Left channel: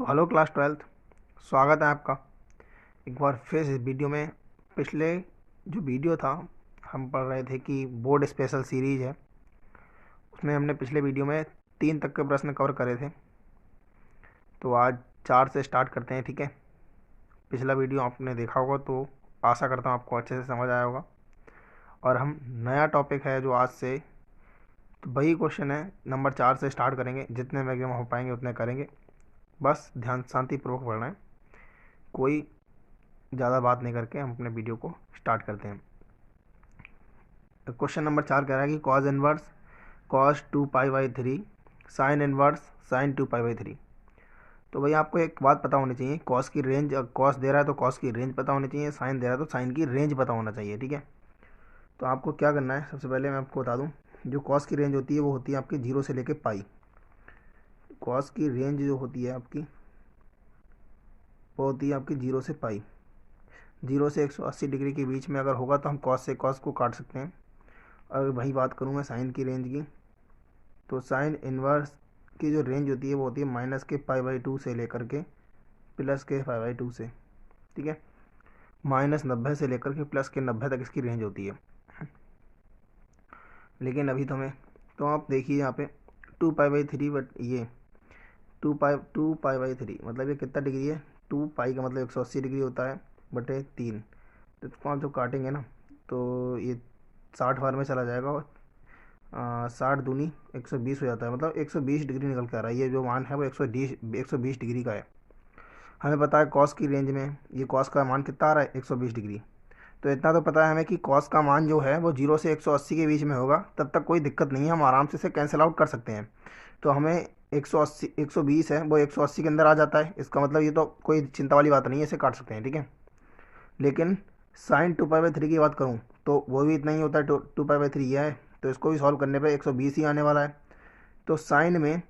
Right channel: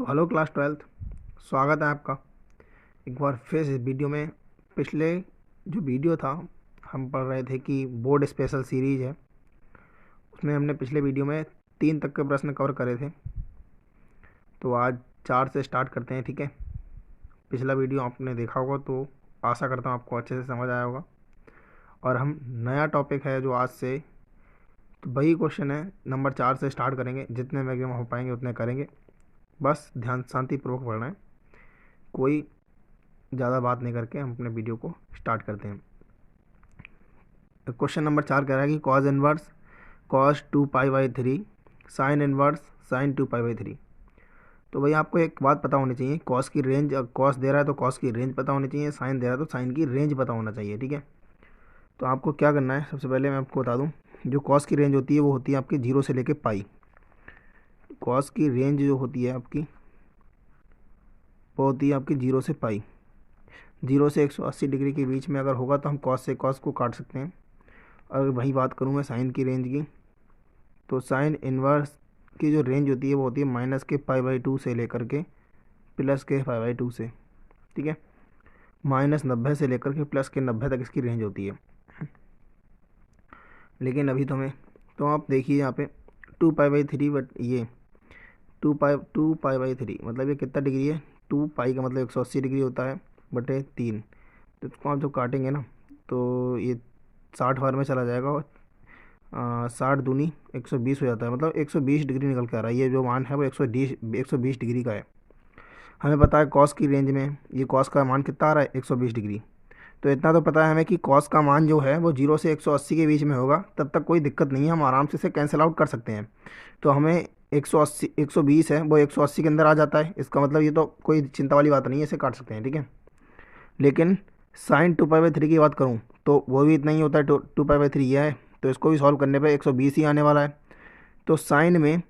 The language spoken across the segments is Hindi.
तो हेलो क्लास 12th, स्वागत है आपका एक बार फिर इस वीडियो में। पिछले जो वीडियो था, हम पढ़ रहे थे कि बोर्ड स्पेशल सीरीज है। उसमें हमने पिछले वीडियो में 3 तक के प्रश्न कवर करे थे। तो आज 4 से स्टार्ट करते हैं, ठीक है। पिछला वीडियो आपने देखा होगा तो आशा करता हूँ आपको अच्छे से समझ आया होगा। और हम नया टॉपिक है जो आज से, तो वही क्वेश्चन है, नंबर 4 से स्टार्ट करेंगे। जितने मैक्सिमम हो पाएंगे उतने करेंगे। बस ध्यान शांतिपूर्वक पढ़ना है, कोई ज़्यादा बात नहीं करके हम अपने वीडियो को स्टार्ट करते हैं। क्वेश्चन नंबर 4 कह रहा है कि cos inverse cos 2π/3 sine inverse sine 2π/3। तो भाई आपको एक बात पता होनी चाहिए, कॉस की रेंज, कॉस दे रहा है तो कॉस की रेंज पता होनी चाहिए, साइन दे रहा है तो साइन की रेंज पता होना चाहिए, ठीक है। तो आपको क्या करना है, सबसे पहले मैं आपको बता दूं, जो कॉस की रेंज होती है वो होती है आपकी 0 से लेके पाई। कॉस की रेंज जो होती है आपकी वो होती है आपकी 0 से पाई। 0 से 180 डिग्री के बीच में अगर होगा तो हम कॉस से कॉस को काट सकते हैं। अगर वही बात करूँ मैं साइन की रेंज की, तो साइन इन्वर्स की जो रेंज होती है वो होती है -के π/2 से लेकर के +के π/2 से, ठीक है। -90 से लेकर के +के 90 तक इसकी रेंज होती है। लेकिन अभी तो आप देखिए यहाँ पे 2π/3, बट ये 2π/3 मतलब ये कितना डिग्री है, 2π का मतलब 180 डिग्री होता है बटे 3। तो इसको आप जो काटेंगे ना तो ये 60 बार में चला जाएगा और 60 दूनी 120 हो जाता है, मतलब 120 डिग्री निकल के आ रहा है। ये जो मान है वो 120 डिग्री का है। हमें पता है कॉस की रेंज में ये कॉस का मान कितना आ रहा है, 120 डिग्री। तो इतना तो पता है हमें कि कॉस का मान जो है वो 0 से 180 के बीच में होगा, तब तक कोई दिक्कत नहीं है, हम आराम से इसे कैंसिल आउट कर सकते हैं। तो हमें 180 120 है वो 180 के अंदर आ जाता है, इसका मतलब ये तो कोई चिंता वाली बात नहीं है, इसे काट सकते हैं, ठीक है। लेकिन साइन 2π/3 की बात करूँ तो वो भी इतना ही होता है, 2π/3 यह है, तो इसको भी सॉल्व करने पे 120 ही आने वाला है। तो साइन में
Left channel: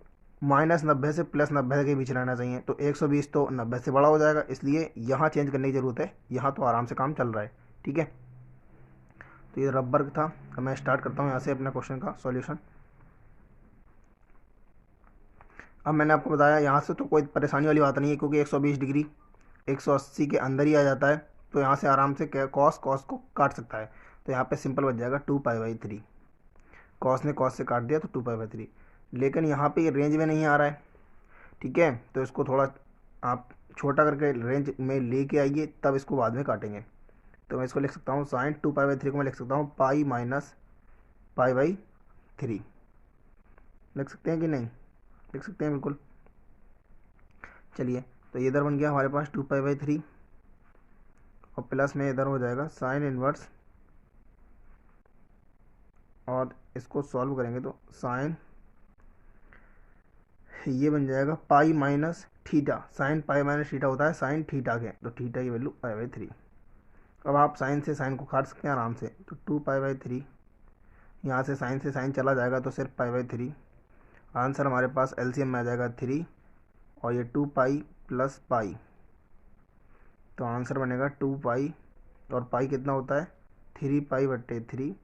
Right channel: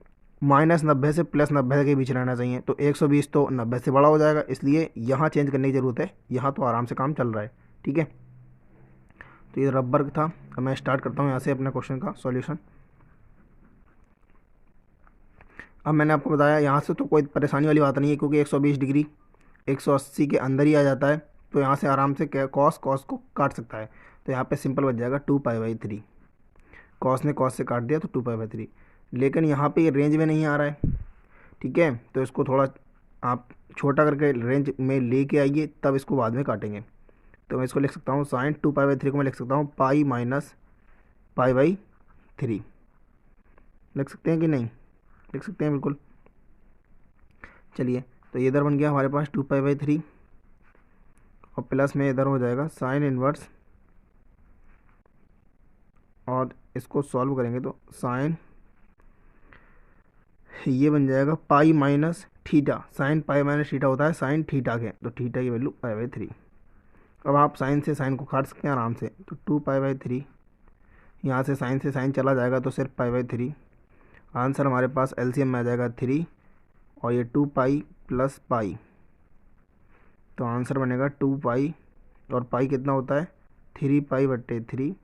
-90 से +90 के बीच रहना चाहिए, तो 120 तो 90 से बड़ा हो जाएगा, इसलिए यहाँ चेंज करने की ज़रूरत है। यहाँ तो आराम से काम चल रहा है, ठीक है। तो ये रबर था। अब मैं स्टार्ट करता हूँ यहाँ से अपने क्वेश्चन का सॉल्यूशन। अब मैंने आपको बताया यहाँ से तो कोई परेशानी वाली बात नहीं है, क्योंकि 120 डिग्री 180 के अंदर ही आ जाता है। तो यहाँ से आराम से कॉस कॉस को काट सकता है। तो यहाँ पे सिंपल बच जाएगा 2π/3। कॉस ने कॉस से काट दिया तो 2π/3। लेकिन यहाँ पे ये रेंज में नहीं आ रहा है, ठीक है। तो इसको थोड़ा आप छोटा करके रेंज में लेके आइए, तब इसको बाद में काटेंगे। तो मैं इसको लिख सकता हूँ, साइन 2π/3 को मैं लिख सकता हूँ पाई माइनस π/3। लिख सकते हैं कि नहीं, लिख सकते हैं बिल्कुल। चलिए, तो ये इधर बन गया हमारे पास 2π/3 और प्लस में इधर हो जाएगा साइन इनवर्स, और इसको सॉल्व करेंगे तो साइन ये बन जाएगा pi minus theta. Sine pi minus theta होता है साइन थीटा के, तो थीटा की वैल्यू π/3। अब आप साइन से साइन को काट सकते हैं आराम से, तो 2π/3, यहाँ से साइन चला जाएगा तो सिर्फ π/3। आंसर हमारे पास एलसीएम में आ जाएगा 3, और ये 2π + पाई, तो आंसर बनेगा 2π, और पाई कितना होता है 3π/3।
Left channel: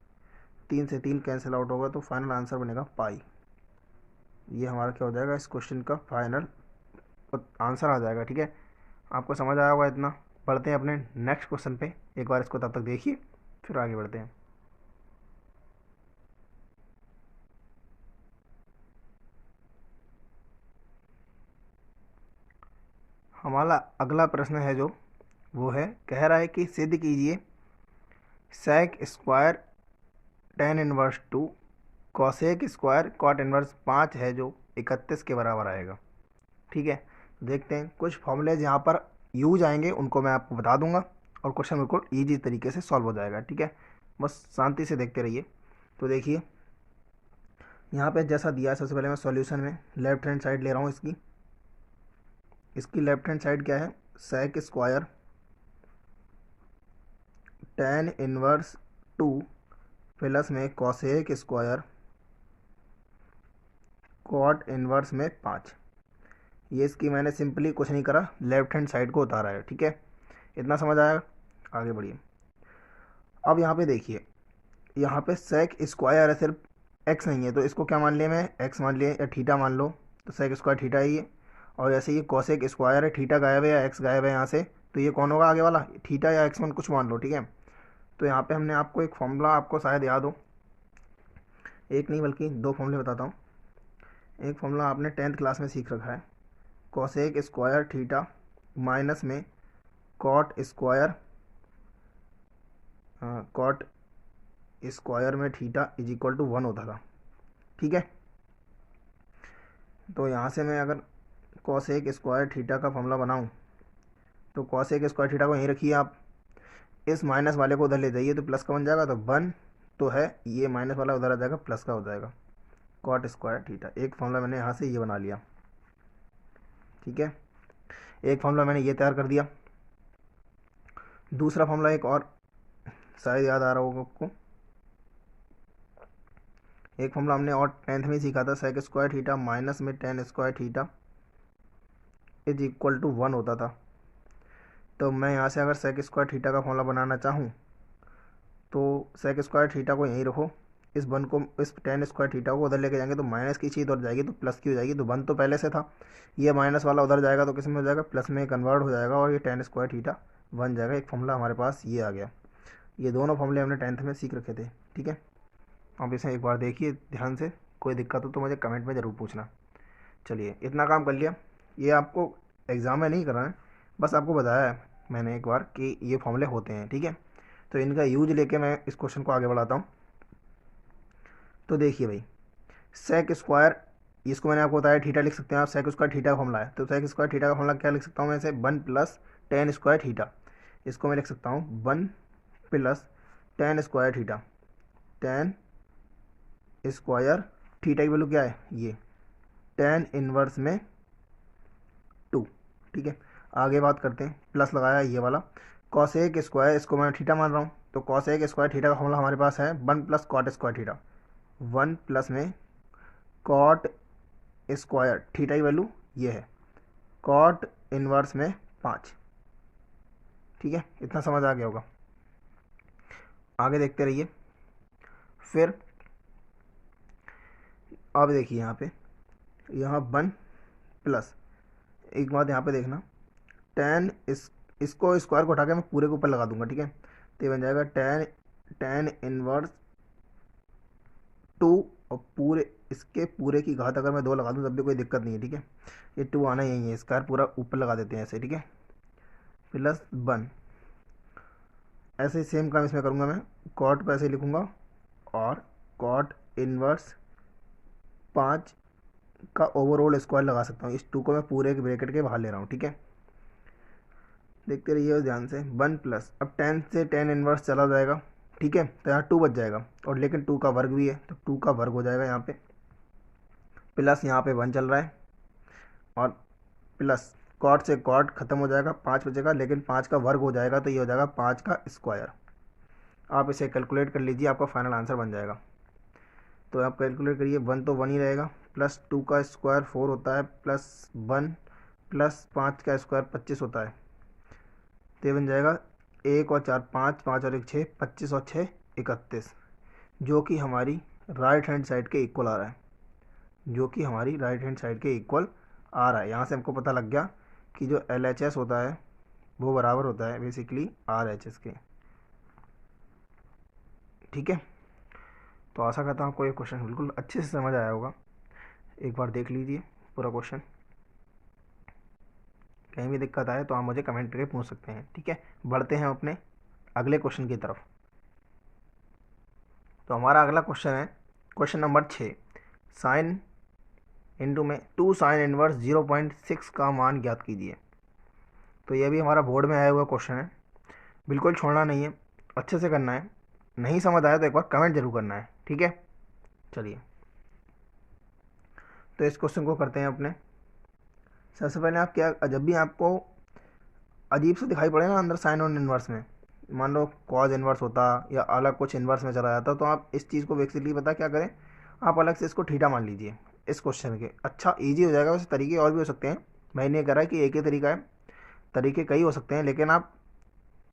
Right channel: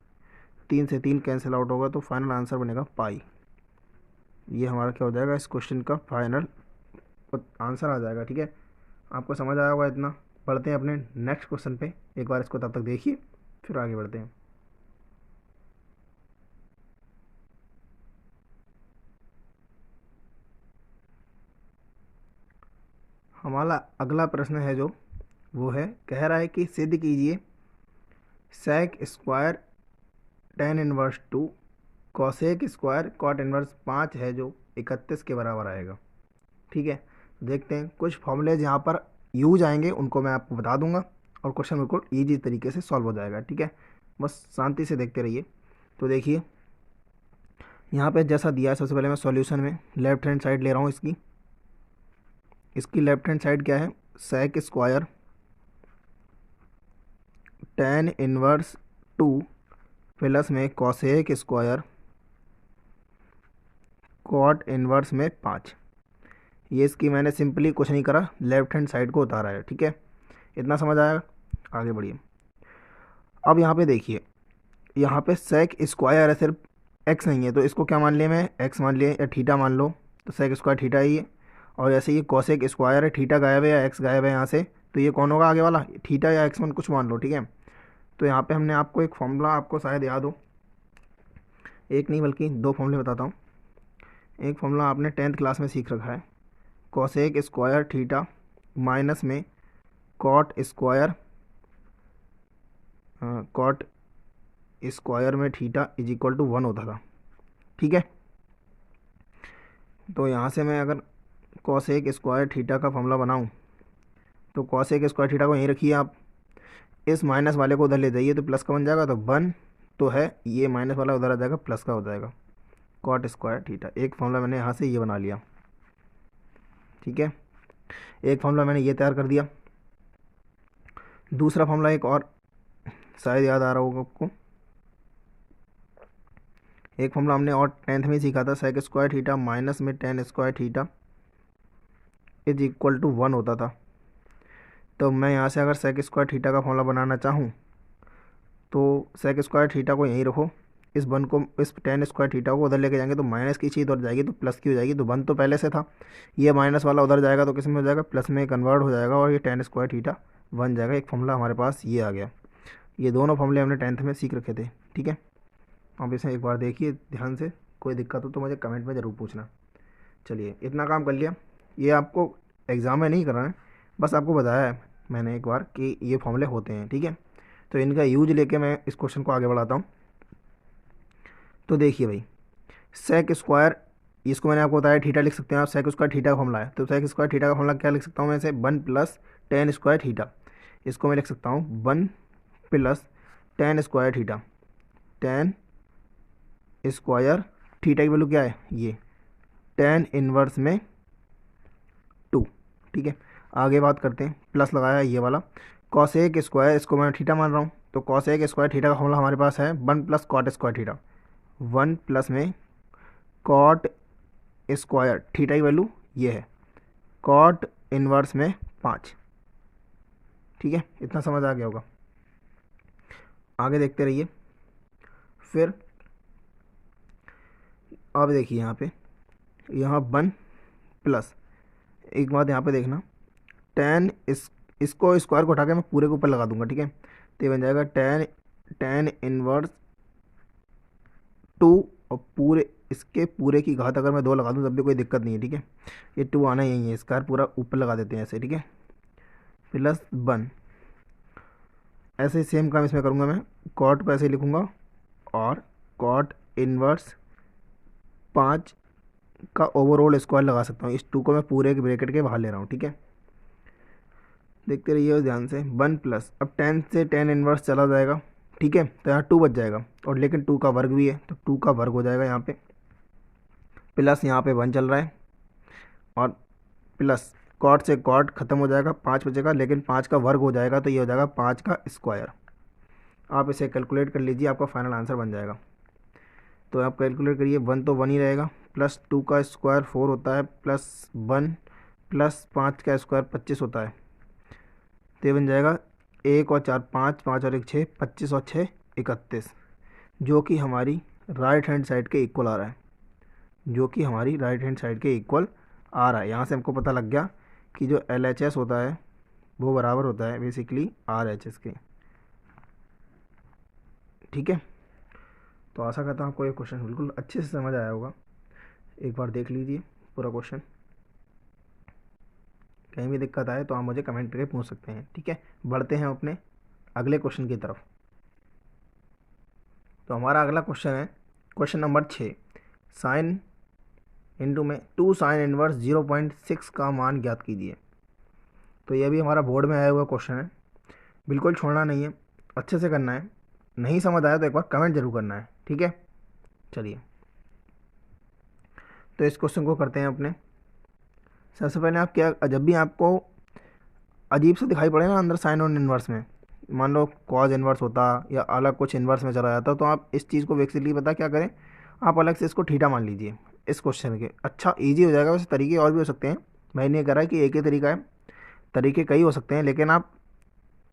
3 से 3 कैंसिल आउट होगा, तो फाइनल आंसर बनेगा पाई। ये हमारा क्या हो जाएगा, इस क्वेश्चन का फाइनल आंसर आ जाएगा, ठीक है। आपको समझ आया होगा इतना। बढ़ते हैं अपने नेक्स्ट क्वेश्चन पे, एक बार इसको तब तक देखिए फिर आगे बढ़ते हैं। हमारा अगला प्रश्न है जो वो है, कह रहा है कि सिद्ध कीजिए sec square tan inverse 2 cosec square cot inverse 5 है जो 31 के बराबर आएगा, ठीक है। देखते हैं, कुछ फॉर्मूलेज यहाँ पर यूज आएंगे, उनको मैं आपको बता दूंगा और क्वेश्चन बिल्कुल ईजी तरीके से सॉल्व हो जाएगा, ठीक है। बस शांति से देखते रहिए। तो देखिए यहाँ पे जैसा दिया है, सबसे पहले मैं सॉल्यूशन में लेफ्ट हैंड साइड ले रहा हूँ। इसकी लेफ्ट हैंड साइड क्या है, sec square tan inverse 2 plus में कॉसेक स्क्वायर कॉट इनवर्स में 5। ये इसकी मैंने सिंपली कुछ नहीं करा, लेफ्ट हैंड साइड को उतारा है, ठीक है। इतना समझ आया, आगे बढ़िए। अब यहाँ पे देखिए, यहाँ पे सेक स्क्वायर है, सिर्फ एक्स नहीं है, तो इसको क्या मान लिया मैं, एक्स मान लिया या थीटा मान लो, तो सेक स्क्वायर थीटा ही है। और जैसे ये कोसेक स्क्वायर है, थीटा गायब है या एक्स गायब है यहाँ से, तो ये कौन होगा आगे वाला, थीटा या एक्स वन कुछ मान लो, ठीक है। तो यहाँ पे हमने आपको एक फॉर्मूला, आपको शायद याद हो, एक नहीं बल्कि दो फॉर्मूले बताता हूँ। एक फॉर्मूला आपने 10th क्लास में सीख रखा है, कोसेक स्क्वायर थीटा माइनस में कॉट स्क्वायर, कॉट स्क्वायर में थीटा इज इक्वल टू 1 होता था, ठीक है। तो यहाँ से मैं अगर कोसेक स्क्वायर थीटा का फॉर्मूला बनाऊँ, तो कोसेक स्क्वायर थीटा को यहीं रखिए आप, इस माइनस वाले को उधर ले जाइए तो प्लस का बन जाएगा, तो 1 तो है, ये माइनस वाला उधर आ जाएगा, प्लस का हो जाएगा, कॉट स्क्वायर थीटा। एक फॉर्मूला मैंने यहाँ से ये बना लिया, ठीक है। एक फॉर्मूला मैंने ये तैयार कर दिया। दूसरा फॉर्मूला एक और शायद याद आ रहा होगा आपको, एक फॉर्मूला हमने और 10th में सीखा था, सेक स्क्वायर थीटा माइनस में tan square theta is equal to 1 होता था। तो मैं यहाँ से अगर सेक स्क्वायर थीटा का फॉर्मूला बनाना चाहूँ, तो सेक स्क्वायर थीटा को यहीं रखो, इस 1 को, इस टेन स्क्वायर थीटा को उधर लेके जाएंगे तो माइनस की चीज़ उधर जाएगी तो प्लस की हो जाएगी, तो 1 तो पहले से था, ये माइनस वाला उधर जाएगा तो किस में हो जाएगा, प्लस में कन्वर्ट हो जाएगा, और ये टेन स्क्वायर थीटा बन जाएगा। एक फॉर्मूला हमारे पास ये आ गया। ये दोनों फॉर्मूले हमने 10th में सीख रखे थे, ठीक है। आप इसे एक बार देखिए ध्यान से, कोई दिक्कत हो तो मुझे कमेंट में ज़रूर पूछना। चलिए इतना काम कर लिया, ये आपको एग्ज़ाम में नहीं करना है, बस आपको बताया है मैंने एक बार कि ये फॉर्मूले होते हैं, ठीक है। तो इनका यूज लेके मैं इस क्वेश्चन को आगे बढ़ाता हूँ। तो देखिए भाई, सेक स्क्वायर, इसको मैंने आपको बताया थीटा लिख सकते हैं आप, सेक स्क्वायर थीटा का फॉर्मूला है, तो सेक स्क्वायर थीटा का फॉर्मूला क्या लिख सकता हूँ मैं इसे, 1 प्लस टेन स्क्वायर थीटा। इसको मैं लिख सकता हूँ 1 plus ten square theta, ten square theta की वैल्यू क्या है, ये टेन इनवर्स में 2, ठीक है। आगे बात करते हैं, प्लस लगाया ये वाला, कॉसेक स्क्वायर, इसको मैं थीटा मान रहा हूँ, तो कॉसेक स्क्वायर थीटा का फॉर्मूला हमारे पास है 1 plus cot square theta, 1 plus में कॉट स्क्वायर थीटा की वैल्यू ये है, कॉट इनवर्स में 5, ठीक है। इतना समझ आ गया होगा, आगे देखते रहिए। फिर अब देखिए यहाँ 1 प्लस, एक बात यहाँ पे देखना, टेन इसको स्क्वायर को उठा के मैं पूरे के ऊपर लगा दूंगा, ठीक है। तो ये बन जाएगा टेन इनवर्स 2, और पूरे इसके पूरे की घात अगर मैं 2 लगा दूँ तब भी कोई दिक्कत नहीं है, ठीक है। ये 2 आना यही है, स्क्वायर पूरा ऊपर लगा देते हैं ऐसे, ठीक है, प्लस 1। ऐसे ही सेम काम इसमें करूँगा मैं, कॉट को ऐसे लिखूँगा, और कॉट इनवर्स 5 का ओवरऑल स्क्वायर लगा सकता हूँ, इस 2 को मैं पूरे के ब्रैकेट के बाहर ले रहा हूँ, ठीक है। देखते रहिए ध्यान से, 1 प्लस, अब 10 से 10 इनवर्स चला जाएगा, ठीक है, तो यहाँ 2 बच जाएगा, और लेकिन 2 का वर्ग भी है तो 2 का वर्ग हो जाएगा यहाँ पे, प्लस यहाँ पे 1 चल रहा है, और प्लस कॉट से कॉट खत्म हो जाएगा, 5 बचेगा, लेकिन 5 का वर्ग हो जाएगा तो ये हो जाएगा 5 का स्क्वायर। आप इसे कैलकुलेट कर लीजिए, आपका फाइनल आंसर बन जाएगा। तो आप कैलकुलेट करिए, 1 तो 1 ही रहेगा, प्लस 2 का स्क्वायर 4 होता है, प्लस 1 प्लस 5 का स्क्वायर 25 होता है, तो ये बन जाएगा 1 और 4 5, 5 और 1 6, 25 और 6 31, जो कि हमारी राइट हैंड साइड के इक्वल आ रहा है, जो कि हमारी राइट हैंड साइड के इक्वल आ रहा है। यहाँ से हमको पता लग गया कि जो LHS होता है वो बराबर होता है बेसिकली RHS के, ठीक है। तो आशा करता हूँ आपको ये क्वेश्चन बिल्कुल अच्छे से समझ आया होगा, एक बार देख लीजिए पूरा क्वेश्चन, कहीं भी दिक्कत आए तो आप मुझे कमेंट करके पूछ सकते हैं, ठीक है। बढ़ते हैं अपने अगले क्वेश्चन की तरफ। तो हमारा अगला क्वेश्चन है क्वेश्चन नंबर 6, साइन इंटू में 2 साइन इनवर्स 0.6 का मान ज्ञात कीजिए। तो ये भी हमारा बोर्ड में आया हुआ क्वेश्चन है, बिल्कुल छोड़ना नहीं है, अच्छे से करना है, नहीं समझ आया तो एक बार कमेंट जरूर करना है, ठीक है। चलिए तो इस क्वेश्चन को करते हैं अपने। सबसे पहले आप क्या, जब भी आपको अजीब से दिखाई पड़े ना अंदर साइन और इन्वर्स में, मान लो कॉज इन्वर्स होता या अलग कुछ इन्वर्स में चला जाता, तो आप इस चीज़ को बेसिकली पता क्या करें, आप अलग से इसको थीटा मान लीजिए इस क्वेश्चन के, अच्छा ईजी हो जाएगा। वैसे तरीके और भी हो सकते हैं, मैंने ये करा है कि एक ही तरीका है, तरीके कई हो सकते हैं, लेकिन आप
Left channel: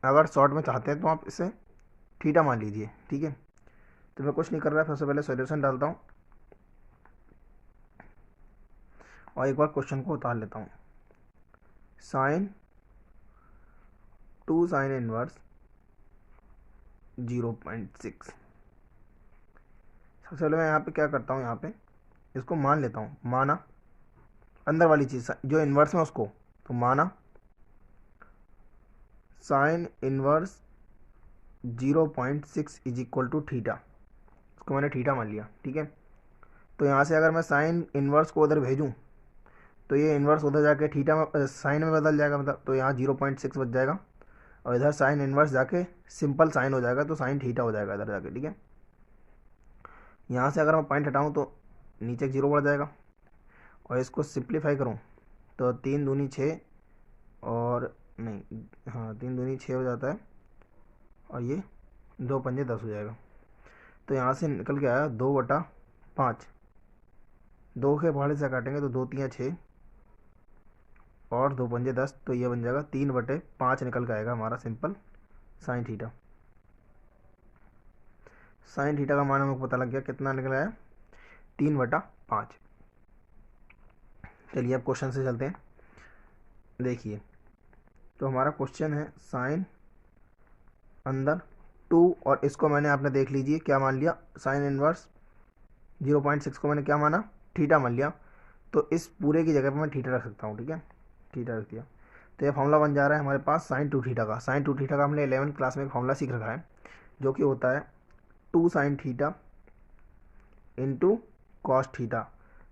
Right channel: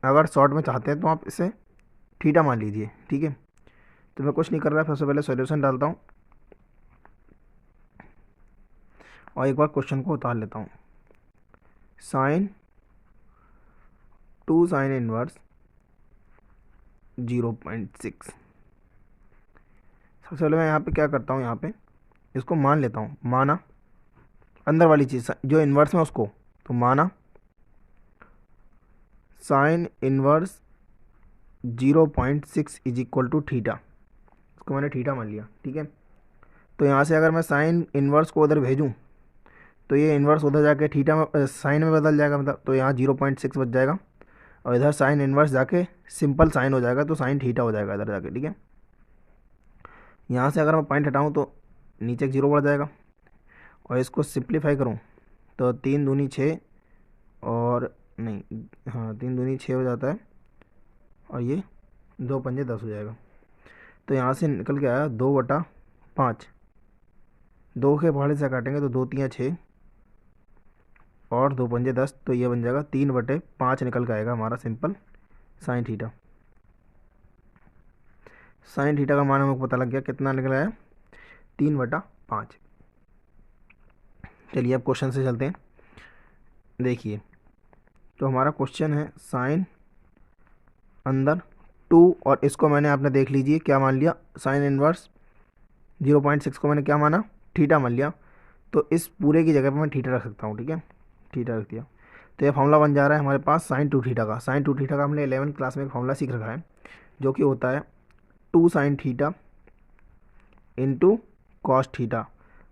अगर शॉर्ट में चाहते हैं तो आप इसे थीटा मान लीजिए, ठीक है। तो मैं कुछ नहीं कर रहा, सबसे पहले सॉल्यूशन डालता हूँ और एक बार क्वेश्चन को उतार लेता हूँ। Sine 2 sine inverse 0.6। सबसे पहले मैं यहाँ पे क्या करता हूँ, यहाँ पे इसको मान लेता हूँ, माना अंदर वाली चीज़ जो इन्वर्स में उसको, तो माना sine inverse 0.6 is equal to theta, इसको मैंने थीटा मान लिया, ठीक है। तो यहाँ से अगर मैं साइन इनवर्स को उधर भेजूँ तो ये इन्वर्स उधर जाके थीटा में साइन में बदल जाएगा, मतलब तो यहाँ 0.6 बच जाएगा, और इधर साइन इन्वर्स जाके सिंपल साइन हो जाएगा, तो साइन थीटा हो जाएगा इधर जाके, ठीक है। यहाँ से अगर मैं पॉइंट हटाऊँ तो नीचे एक जीरो बढ़ जाएगा, और इसको सिंप्लीफाई करूँ तो 3 दूनी 6 और नहीं, हाँ 3 दूनी 6 हो जाता है, और ये 2 पंजे 10 हो जाएगा। तो यहाँ से निकल के आया 2/5, 2 के पहाड़े से काटेंगे तो 2 3 6 और 2 पंजे 10, तो ये बन जाएगा 3/5 निकल के आएगा हमारा simple sine theta. Sine theta का मान हमको पता लग गया, कितना निकल आया, 3/5। चलिए अब क्वेश्चन से चलते हैं। देखिए तो हमारा क्वेश्चन है साइन अंदर 2, और इसको मैंने, आपने देख लीजिए क्या मान लिया, साइन इनवर्स 0.6 को मैंने क्या माना, थीटा मान लिया। तो इस पूरे की जगह पर मैं थीटा रख सकता हूँ, ठीक है, थीटा रख दिया। तो ये फॉर्मूला बन जा रहा है हमारे पास साइन 2 थीटा का। साइन 2 थीटा का हमने 11th क्लास में एक फॉर्मूला सीख रखा है, जो कि होता है 2 sine theta into cos theta.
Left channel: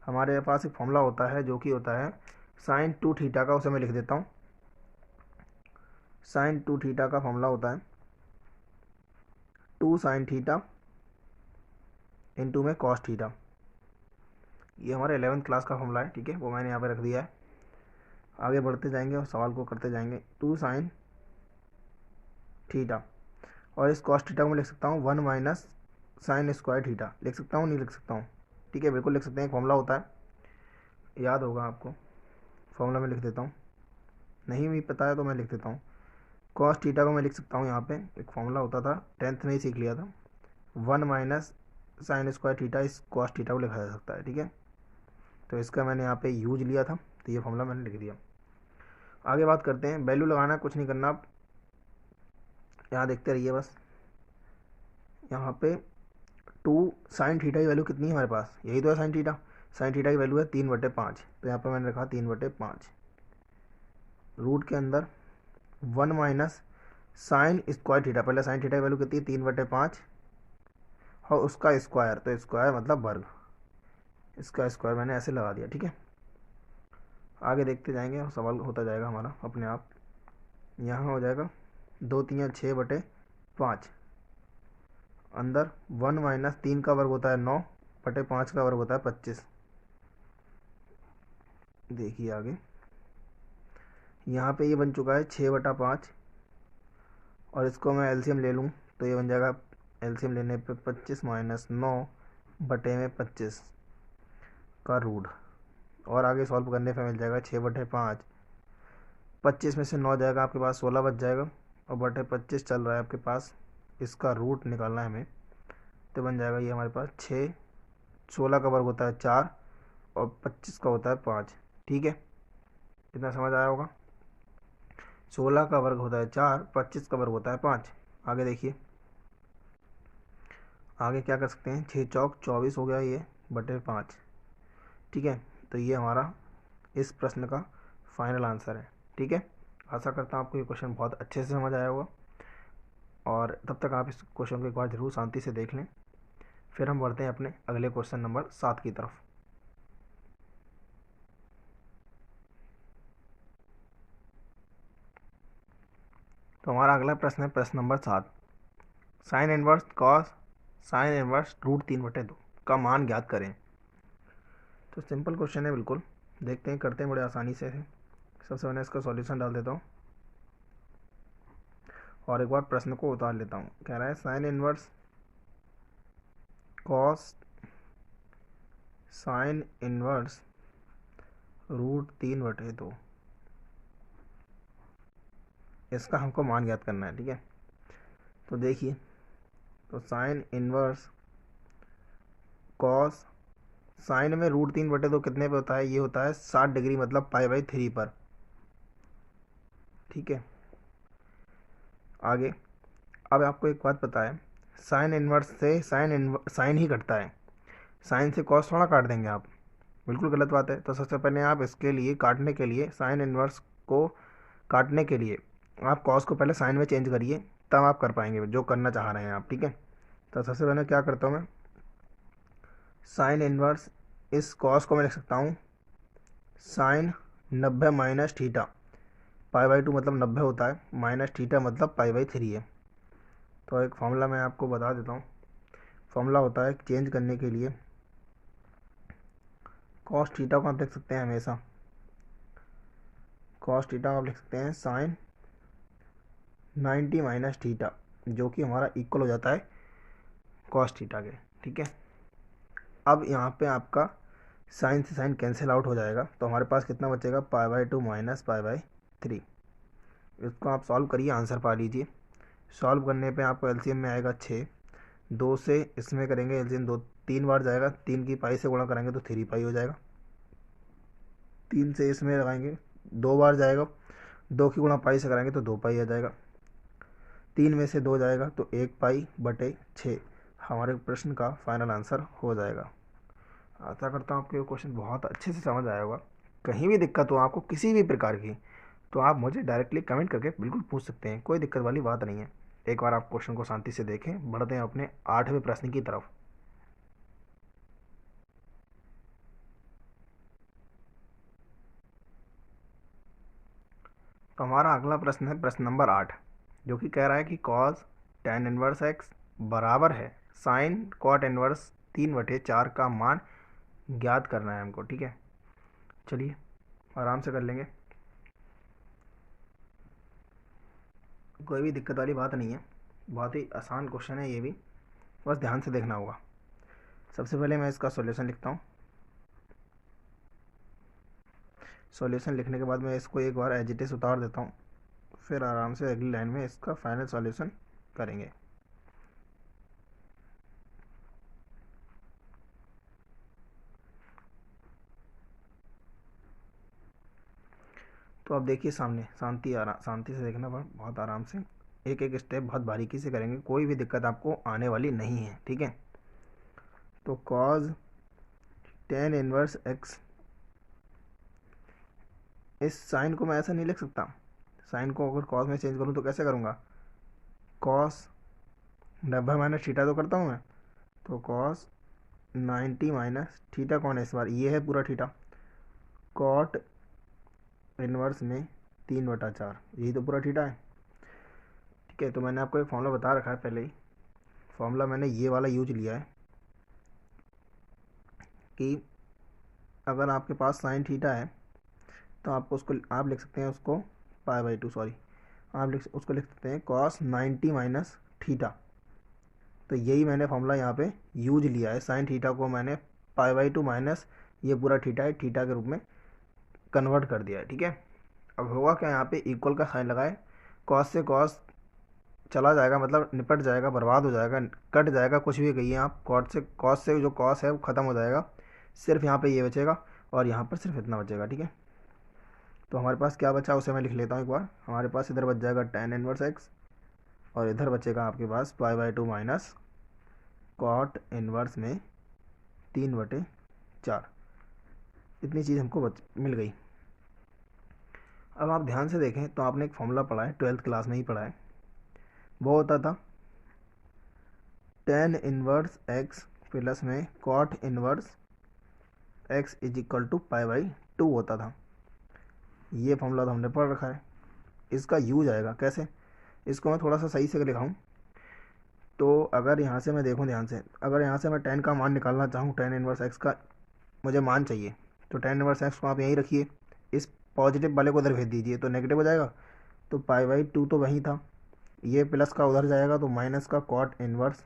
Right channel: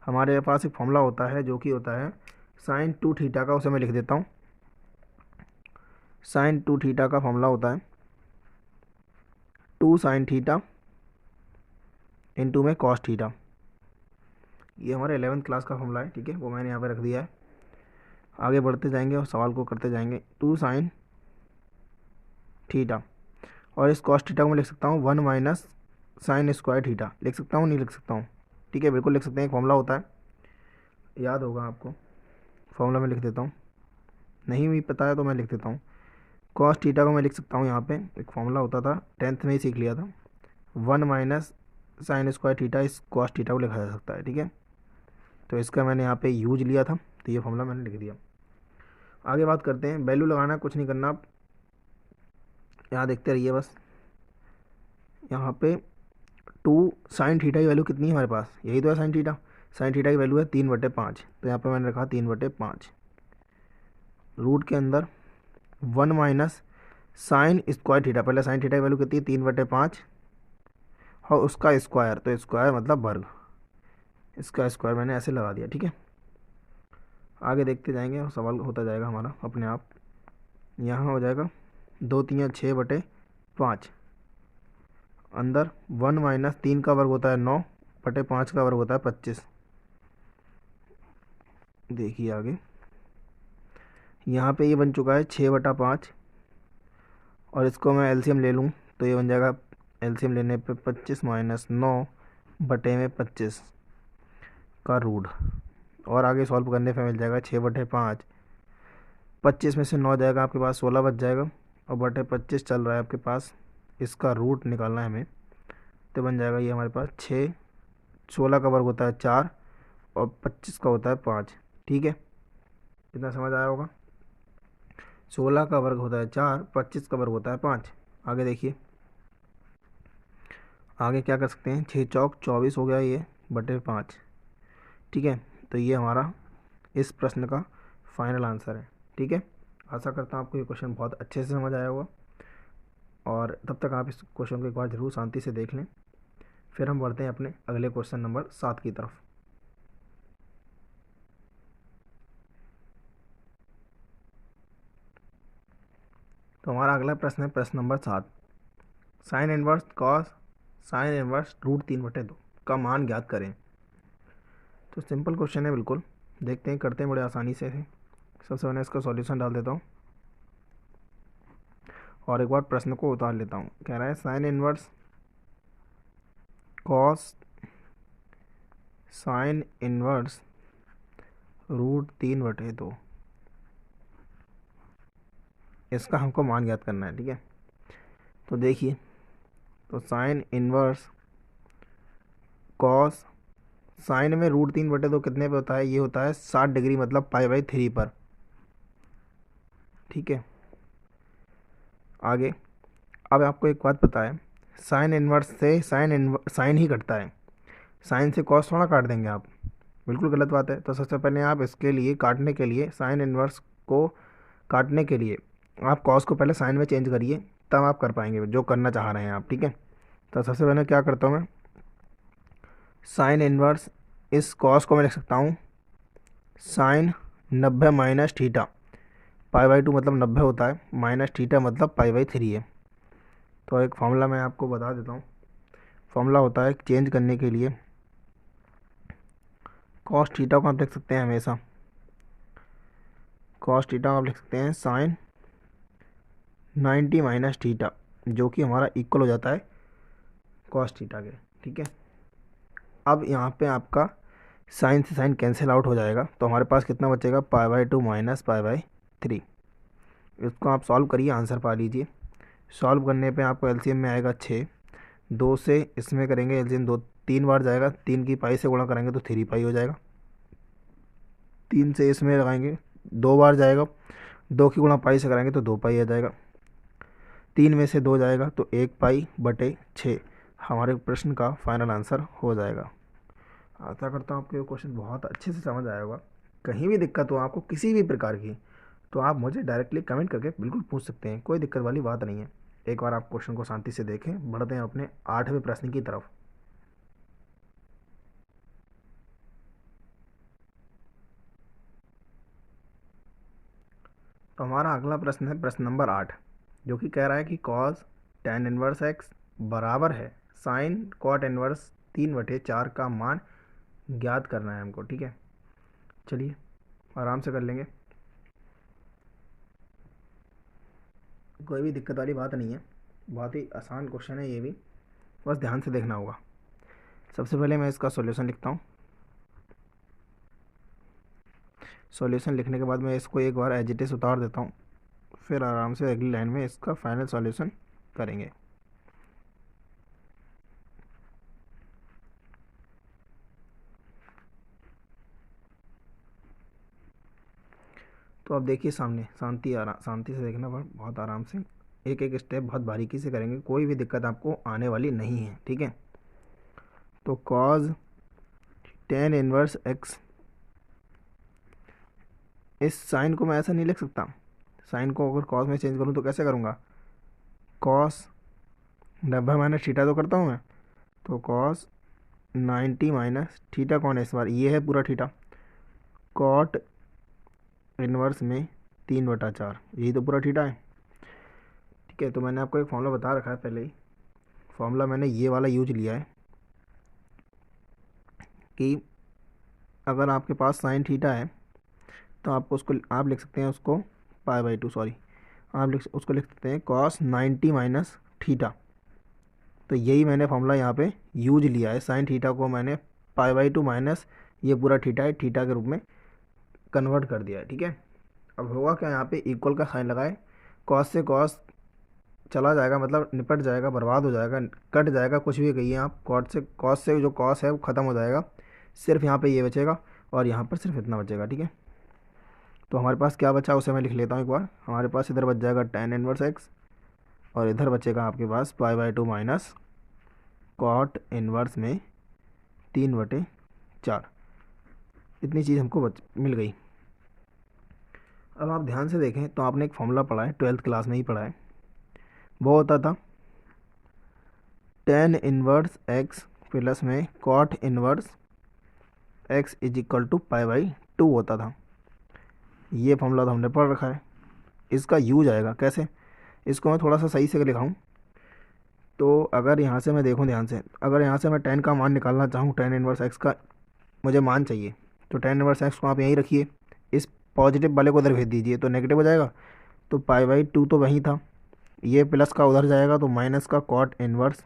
हमारे पास एक फॉर्मूला होता है जो कि होता है साइन 2 थीटा का, उसे मैं लिख देता हूँ। साइन 2 थीटा का फॉर्मूला होता है 2 साइन थीटा इंटू में कॉस थीटा। ये हमारे 11th क्लास का फॉर्मूला है, ठीक है, वो मैंने यहाँ पे रख दिया है। आगे बढ़ते जाएंगे और सवाल को करते जाएंगे। 2 साइन थीटा, और इस कॉस थीटा को मैं लिख सकता हूँ 1 माइनस साइन स्क्वायर थीटा। लिख सकता हूँ, नहीं लिख सकता हूँ, ठीक है, बिल्कुल लिख सकते हैं। एक फॉर्मूला होता है, याद होगा आपको, फॉर्मूला मैं लिख देता हूँ, नहीं भी पता है तो मैं लिख देता हूँ। कॉस थीटा को मैं लिख सकता हूँ, यहाँ पे एक फॉर्मूला होता था, 10th में ही सीख लिया था, 1 माइनस साइन स्क्वायर थीटा, इस कॉस थीटा को लिखा जा सकता है, ठीक है। तो इसका मैंने यहाँ पे यूज लिया था, तो ये फॉर्मूला मैंने लिख दिया। आगे बात करते हैं, वैल्यू लगाना कुछ नहीं करना, आप यहाँ देखते रहिए बस। यहाँ पे 2 साइन थीटा की वैल्यू कितनी है हमारे पास, यही तो है साइन थीटा। साइन थीटा की वैल्यू है 3/5, तो यहाँ पे मैंने रखा 3/5। रूट के अंदर 1 माइनस साइन स्क्वायर थीटा, पहले साइन थीटा की वैल्यू कितनी है 3/5, और उसका स्क्वायर, तो स्क्वायर मतलब वर्ग, इसका स्क्वायर मैंने ऐसे लगा दिया, ठीक है। आगे देखते जाएंगे और सवाल होता जाएगा हमारा अपने आप। यहाँ हो जाएगा 2 3 6/5, अंदर 1 माइनस 3 का वर्ग होता है 9/5 का वर्ग होता है 25। देखिए आगे, यहाँ पे ये बन चुका है 6/5, और इसको मैं एलसीएम ले लूँ तो ये बन जाएगा, एलसीएम लेने पे 25 माइनस 9/25 का रूट, और आगे सॉल्व करने पे मिल जाएगा 6/5। 25 में से 9 जाएगा आपके पास, 16 बच जाएगा, और 25 चल रहा है आपके पास, इसका रूट निकालना है हमें। तो बन जाएगा ये हमारे पास 6, 16 का वर्ग होता है 4, और 25 का होता है 5, ठीक है, इतना समझ आया होगा। 16 का वर्ग होता है 4, 25 का वर्ग होता है 5। आगे देखिए, आगे क्या कर सकते हैं, 6 चौक 24 हो गया ये बटे 5, ठीक है। तो ये हमारा इस प्रश्न का फाइनल आंसर है, ठीक है। आशा करता हूँ आपको ये क्वेश्चन बहुत अच्छे से समझ आया होगा, और तब तक आप इस क्वेश्चन को एक बार ज़रूर शांति से देख लें। फिर हम बढ़ते हैं अपने अगले क्वेश्चन नंबर 7 की तरफ। तो हमारा अगला प्रश्न है प्रश्न number 7, sine inverse cos sine inverse √3/2 का मान ज्ञात करें। तो सिंपल क्वेश्चन है बिल्कुल, देखते हैं, करते हैं बड़े आसानी से है। सबसे पहले इसका सॉल्यूशन डाल देता हूँ, और एक बार प्रश्न को उतार लेता हूँ। कह रहा है sine inverse cos sine inverse √3/2, इसका हमको मान ज्ञात करना है, ठीक है। तो देखिए, तो साइन इनवर्स कॉस, साइन में √3/2 कितने पे होता है, ये होता है 60 डिग्री, मतलब π/3 पर, ठीक है। आगे, अब आपको एक बात पता है, साइन इन्वर्स से साइन ही कटता है, साइन से कॉस थोड़ा काट देंगे आप, बिल्कुल गलत बात है। तो सबसे पहले आप इसके लिए काटने के लिए, साइन इन्वर्स को काटने के लिए आप कॉस को पहले साइन में चेंज करिए, तब आप कर पाएंगे जो करना चाह रहे हैं आप, ठीक है। तो सबसे पहले क्या करता हूँ मैं, साइन इन्वर्स इस कॉस को मैं लिख सकता हूँ साइन 90 माइनस थीटा, पाई/2 मतलब 90 होता है, माइनस थीटा मतलब पाई/3 है। तो एक फॉर्मूला मैं आपको बता देता हूँ, फॉर्मूला होता है चेंज करने के लिए, कॉस थीटा को आप लिख सकते हैं हमेशा, कॉस थीटा आप लिख सकते हैं साइन 90 माइनस थीटा, जो कि हमारा इक्वल हो जाता है कॉस थीटा के, ठीक है। अब यहाँ पे आपका साइन से साइन कैंसिल आउट हो जाएगा, तो हमारे पास कितना बचेगा, पाई/2 माइनस पाई/3। इसको आप सॉल्व करिए, आंसर पा लीजिए। सॉल्व करने पे आपको एलसीएम में आएगा 6, 2 से इसमें करेंगे एलसीएम, 2 3 बार जाएगा, 3 की पाई से गुणा करेंगे तो 3 पाई हो जाएगा, 3 से इसमें लगाएंगे 2 बार जाएगा, 2 की गुणा पाई से कराएंगे तो 2 पाई आ जाएगा, 3 में से 2 जाएगा तो 1 पाई बटे 6 हमारे प्रश्न का फाइनल आंसर हो जाएगा। आशा करता हूँ आपको क्वेश्चन बहुत अच्छे से समझ आया होगा। कहीं भी दिक्कत हो आपको किसी भी प्रकार की, तो आप मुझे डायरेक्टली कमेंट करके बिल्कुल पूछ सकते हैं, कोई दिक्कत वाली बात नहीं है। एक बार आप क्वेश्चन को शांति से देखें, बढ़ते हैं अपने 8वें प्रश्न की तरफ। तो हमारा अगला प्रश्न है प्रश्न नंबर 8, जो कि कह रहा है कि कॉस tan इनवर्स एक्स बराबर है साइन कॉट इनवर्स 3/4 का मान ज्ञात करना है हमको, ठीक है। चलिए आराम से कर लेंगे, कोई भी दिक्कत वाली बात नहीं है, बहुत ही आसान क्वेश्चन है ये भी, बस ध्यान से देखना होगा। सबसे पहले मैं इसका सॉल्यूशन लिखता हूँ, सॉल्यूशन लिखने के बाद मैं इसको एक बार एज इट इज़ उतार देता हूँ, फिर आराम से अगली लाइन में इसका फाइनल सॉल्यूशन करेंगे। तो आप देखिए सामने, शांति से देखना, बहुत आराम से, एक एक स्टेप बहुत बारीकी से करेंगे, कोई भी दिक्कत आपको आने वाली नहीं है, ठीक है। तो कॉज tan इनवर्स एक्स, इस साइन को मैं ऐसा नहीं लिख सकता, साइन को अगर कॉस में चेंज करूँ तो कैसे करूँगा, कॉस 90 माइनस थीटा तो करता हूँ मैं, तो कॉस 90 माइनस थीटा कौन है इस बार, ये है पूरा थीटा, कॉट इनवर्स में 3/4, यही तो पूरा थीटा है, ठीक है। तो मैंने आपको एक फॉर्मूला बता रखा है पहले ही, फॉर्मूला मैंने ये वाला यूज लिया है कि अगर आपके पास साइन थीटा है तो आपको उसको आप लिख सकते हैं उसको पाई/2, सॉरी, आप उसको लिख सकते हैं कॉस 90 माइनस थीटा। तो यही मैंने फॉर्मूला यहाँ पे यूज लिया है, साइन थीटा को मैंने पाई/2 माइनस ये पूरा थीटा है, थीटा के रूप में कन्वर्ट कर दिया है, ठीक है। अब होगा क्या, यहाँ पे इक्वल का साइन लगाए, कॉस से कॉस चला जाएगा, मतलब निपट जाएगा, बर्बाद हो जाएगा, कट जाएगा, कुछ भी कहिए आप, कॉस से जो कॉस है वो ख़त्म हो जाएगा, सिर्फ यहाँ पे ये बचेगा और यहाँ पर सिर्फ इतना बचेगा, ठीक है। तो हमारे पास क्या बचा उसे मैं लिख लेता हूँ एक बार, हमारे पास इधर बच जाएगा tan इनवर्स एक्स और इधर बचेगा आपके पास पाई/2 माइनस कॉट इनवर्स में 3/4, इतनी चीज़ हमको मिल गई। अब आप ध्यान से देखें तो आपने एक फॉर्मूला पढ़ा है, 12th क्लास में ही पढ़ा है, वो होता था tan इनवर्स एक्स प्लस में cot inverse x is equal to पाई/2 होता था। ये फॉर्मूला तो हमने पढ़ रखा है, इसका यूज आएगा कैसे, इसको मैं थोड़ा सा सही से लिखाऊं। तो अगर यहाँ से मैं देखूँ ध्यान से, अगर यहाँ से मैं tan का मान निकालना चाहूँ, tan इनवर्स एक्स का मुझे मान चाहिए, तो tan इनवर्स एक्स को आप यहीं रखिए, इस पॉजिटिव वाले को उधर भेज दीजिए तो नेगेटिव हो जाएगा, तो पाई/2 तो वहीं था, ये प्लस का उधर जाएगा तो माइनस का कॉट इनवर्स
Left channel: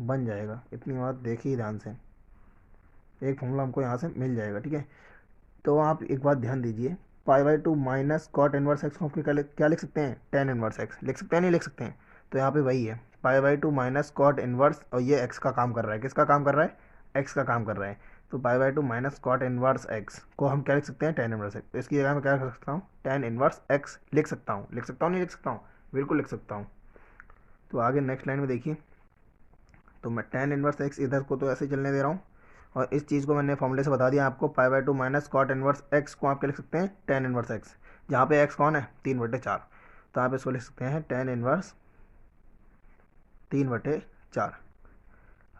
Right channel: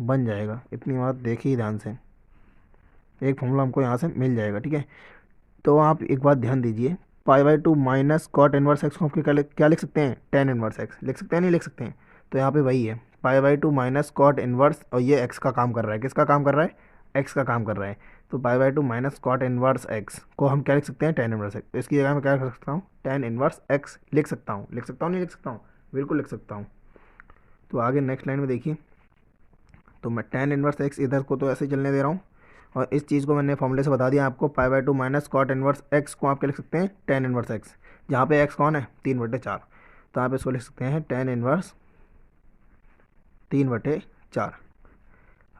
बन जाएगा। इतनी बात देखिए ध्यान से, एक फॉर्मूला हमको यहाँ से मिल जाएगा, ठीक है। तो आप एक बात ध्यान दीजिए, पाई/2 माइनस कॉट इनवर्स एक्स को आप क्या लिख सकते हैं, tan इनवर्स एक्स लिख सकते हैं, नहीं लिख सकते हैं, तो यहाँ पे वही है पाई/2 माइनस कॉट इनवर्स, और ये एक्स का काम कर रहा है, किसका काम कर रहा है, एक्स का काम कर रहा है। तो pi by two minus cot inverse x को हम क्या लिख सकते हैं, टेन इनवर्स एक्स। तो इसकी जगह मैं क्या लिख सकता हूँ, टेन इनवर्स एक्स लिख सकता हूँ। लिख सकता हूँ नहीं लिख सकता हूँ, बिल्कुल लिख सकता हूँ। तो आगे नेक्स्ट लाइन में देखिए, तो मैं टेन इनवर्स एक्स इधर को तो ऐसे ही चलने दे रहा हूँ, और इस चीज़ को मैंने फॉर्मूले से बता दिया आपको, pi by two minus cot inverse x को आप क्या लिख सकते हैं, टेन इनवर्स एक्स। जहाँ पे एक्स कौन है, 3/4, तो आप इसको लिख सकते हैं टेन इनवर्स 3/4।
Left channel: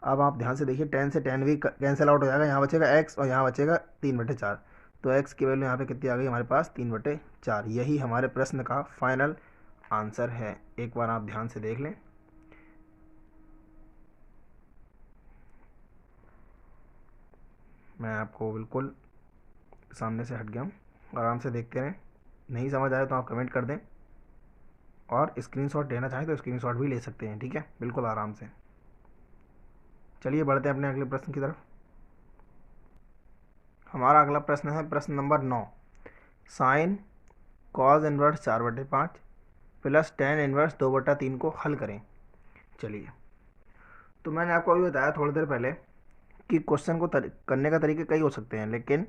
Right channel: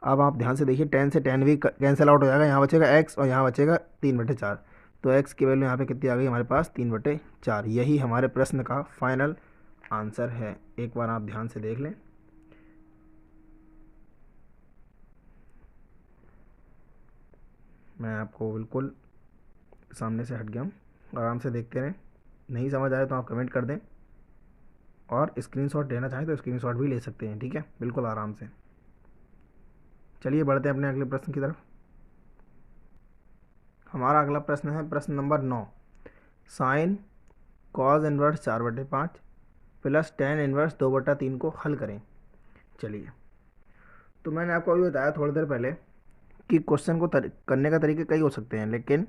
अब आप ध्यान से देखिए, टेन से टेन भी कैंसिल आउट हो जाएगा, यहाँ बचेगा एक्स और यहाँ बचेगा 3/4। तो एक्स की वैल्यू यहाँ पे कितनी आ गई हमारे पास, 3/4। यही हमारे प्रश्न का फाइनल आंसर है। एक बार आप ध्यान से देख लें। मैं आपको बिल्कुल सामने से हट गया हूँ, आराम से देखते रहें। नहीं समझ आए तो आप कमेंट कर दें, और स्क्रीनशॉट लेना चाहें तो स्क्रीनशॉट भी ले सकते हैं, ठीक है, बिल्कुल आराम से। चलिए बढ़ते हैं अपने अगले प्रश्न की तरफ। हमारा अगला प्रश्न है प्रश्न number 9। Sign cause inverse 4/5 plus tan inverse 2/3 को हल करें। चलिए, तो मैंने आपको अभी बताया थोड़ी देर पहले कि क्वेश्चन को करने का तरीके कई हो सकते हैं, लेकिन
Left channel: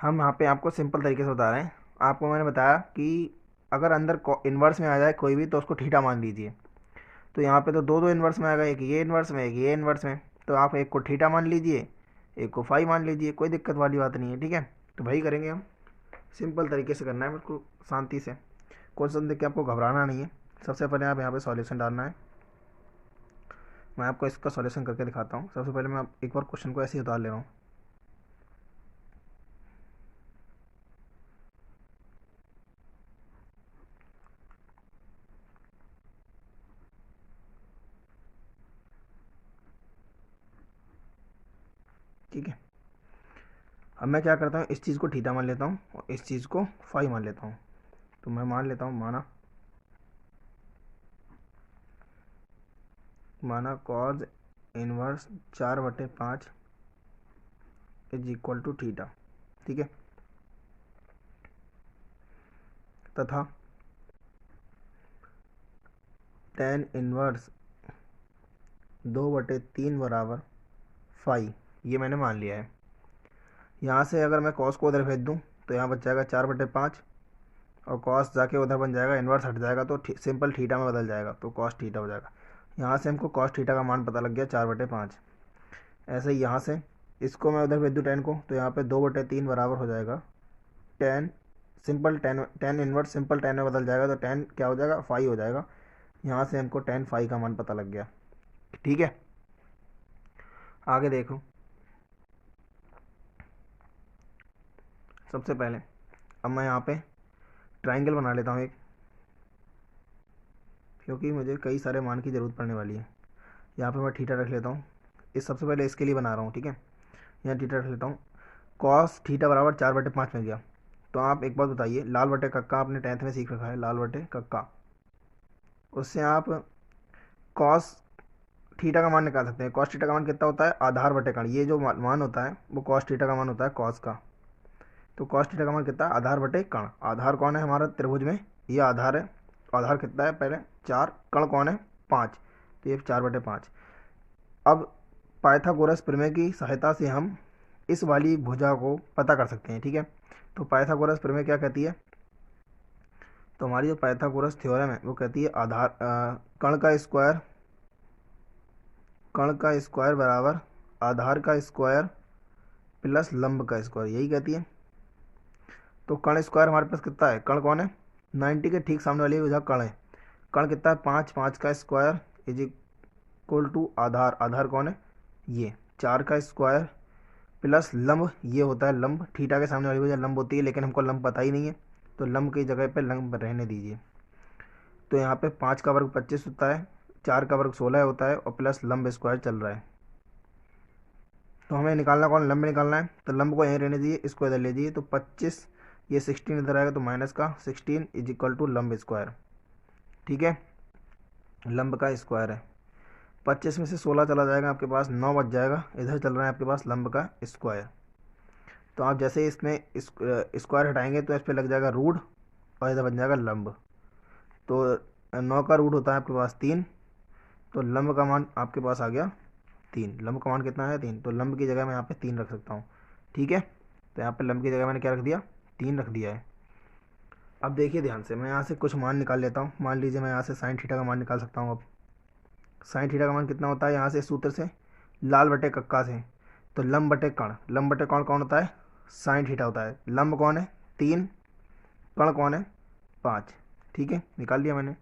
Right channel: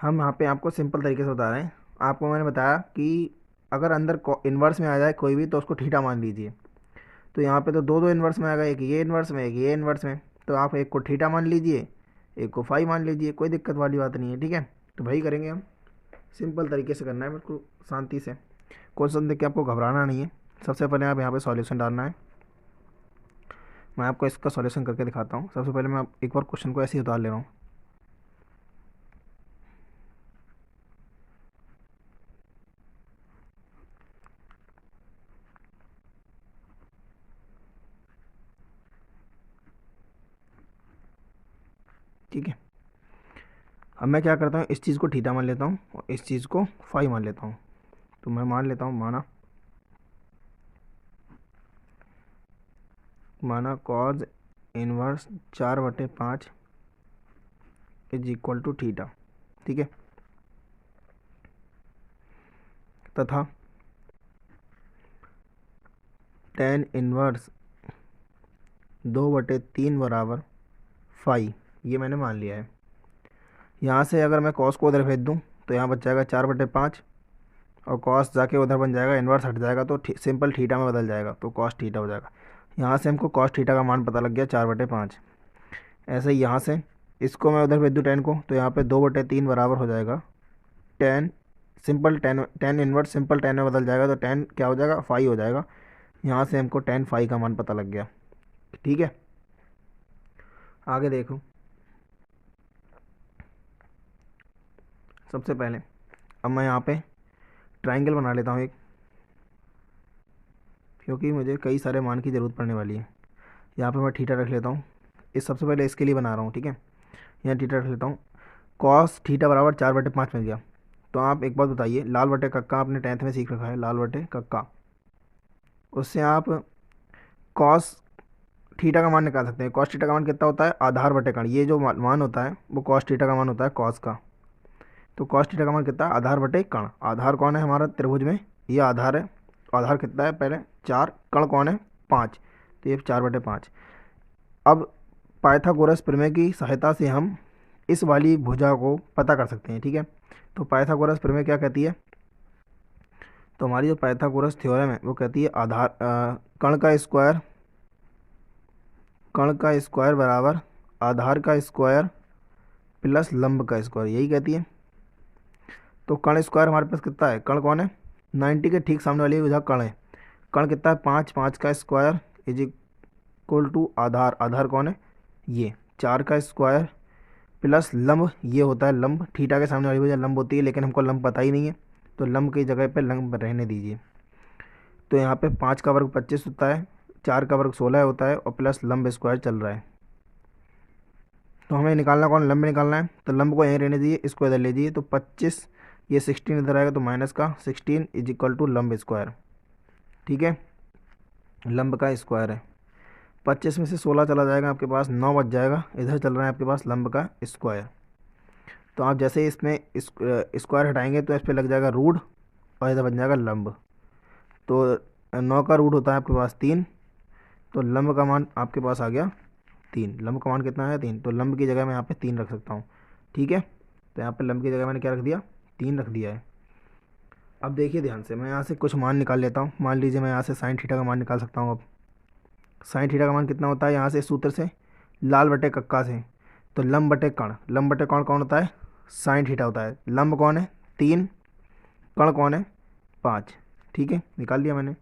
हम यहाँ पे आपको सिंपल तरीके से बता रहे हैं। आपको मैंने बताया कि अगर अंदर इन्वर्स में आ जाए कोई भी तो उसको ठीठा मान लीजिए। तो यहाँ पे तो दो दो इन्वर्स में आ गए, एक ये इन्वर्स में एक ये इन्वर्स में, तो आप एक को ठीठा मान लीजिए, एक को फाई मान लीजिए, कोई दिक्कत वाली बात नहीं है, ठीक है। तो वही करेंगे हम, सिंपल तरीके से करना है, बिल्कुल शांति से। क्वेश्चन देख के आपको घबराना नहीं है। सबसे पहले आप यहाँ पे सॉल्यूशन डालना है। मैं आपको इसका सॉल्यूशन करके दिखाता हूँ। सबसे पहले मैं एक बार क्वेश्चन को ऐसे ही उतार ले रहा हूँ। ठीक है, अब मैं क्या करता हूँ, इस चीज़ को थीटा मान लेता हूँ और इस चीज़ को फाई मान लेता हूँ। तो मैं मान लेता हूँ, माना cos inverse 4/5 is equal to theta, ठीक है, तथा टेन इनवर्स 2/3 बराबर फाई, ये मैंने मान लिया है। यहाँ से अगर मैं कॉस को उधर भेज दूँ तो यहाँ बच जाएगा 4/5, और कॉस जाके उधर बन जाएगा, इन्वर्स हट जाएगा तो सिंपल थीटा में बदल जाएगा, तो कॉस थीटा हो जाएगा। यहाँ से हमको कॉस थीटा का मान पता लग गया 4/5। ऐसे ही यहाँ से इसको मैं उधर भेज दूँ टेन को, तो यहाँ पे 2/3 बराबर हो जाएगा ten, simple ten, tan inverse simple ten में बदल जाएगा, तो टेन क्या हो जाएगा, फाई हो जाएगा। यहाँ से हमको टेन फाई का मान पता लग गया, ठीक है। आगे देखो, सबसे पहले अब मैं यहाँ पे ट्राइंगल बना लेता हूँ एक, क्योंकि मुझे कई सारे मान की ज़रूरत पड़ने वाली है। यहाँ पे मैं थीटा रख लेता हूँ, इस सबसे पहले इसके लिए बना रहा हूँ, ठीक है। यहाँ थीटा रख लेता हूँ, कॉस थीटा बराबर 4/5 मिल गया। तो आप एक बात बताइए, लाल बटे कक्का आपने 10th में सीख रखा है, लाल बटे कक्का, उससे आप कॉस थीटा का मान निकाल सकते हैं। कॉस थीटा का मान कितना होता है, आधार बटे कण। ये जो मान होता है वो कॉस थीटा का मान होता है कॉस का। तो कॉस थीटा का मान कितना है, आधार बटे कण। आधार कौन है हमारा त्रिभुज में, ये आधार है। आधार कितना है पहले 4, कण कौन है 5, तो ये 4/5। अब पाइथागोरस प्रमेय की सहायता से हम इस वाली भुजा को पता कर सकते हैं, ठीक है। तो पाइथागोरस प्रमेय क्या कहती है, तो हमारी जो पाइथागोरस थ्योरम है वो कहती है आधार कण का स्क्वायर बराबर आधार का स्क्वायर प्लस लंब का स्क्वायर, यही कहती है। तो कण स्क्वायर हमारे पास कितना है, कण कौन है, 90 के ठीक सामने वाली भुजा कण है। कण कितना है 5, 5 का स्क्वायर इज इक्वल टू आधार, आधार कौन है ये 4 का स्क्वायर प्लस लंब, ये होता है लंब। थीटा के सामने वाली भुजा लंब होती है, लेकिन हमको लंब पता ही नहीं है, तो लंब की जगह पे लंब रहने दीजिए। तो यहाँ पे 5 का वर्ग 25 होता है, 4 का वर्ग 16 होता है, और प्लस लंब स्क्वायर चल रहा है। तो हमें निकालना कौन, लंब निकालना है। तो लंब को यहीं रहने दीजिए, इसको इधर ले जाइए, तो 25, ये 16 इधर आएगा, तो माइनस का 16 इज इक्वल टू लंब स्क्वायर, ठीक है। लंब का स्क्वायर है, 25 में से 16 चला जाएगा, आपके पास 9 बच जाएगा। इधर चल रहा है आपके पास लंब का स्क्वायर। तो आप जैसे इसमें स्क्वायर हटाएंगे तो इस पर लग जाएगा रूट, और इधर बन जाएगा लंब। तो 9 का रूट होता है आपके पास 3, तो लंब का मान आपके पास आ गया 3, लंब का मान कितना है 3, तो लंब की जगह मैं यहाँ पे 3 रख सकता हूँ। ठीक है, तो यहाँ पे लंब की जगह मैंने क्या रख दिया, 3 रख दिया है। अब देखिए ध्यान से, मैं यहाँ से कुछ मान निकाल लेता हूँ। मान लीजिए मैं यहाँ से साइन थीटा का मान निकाल सकता हूँ। अब साइन थीटा का मान कितना होता है, यहाँ से सूत्र से लाल बटे कक्का से, तो लंब बटे कण, लंब बटे कण कौन होता है, साइन थीटा होता है। लंब कौन है 3, कण कौन है 5। ठीक है, निकाल दिया मैंने।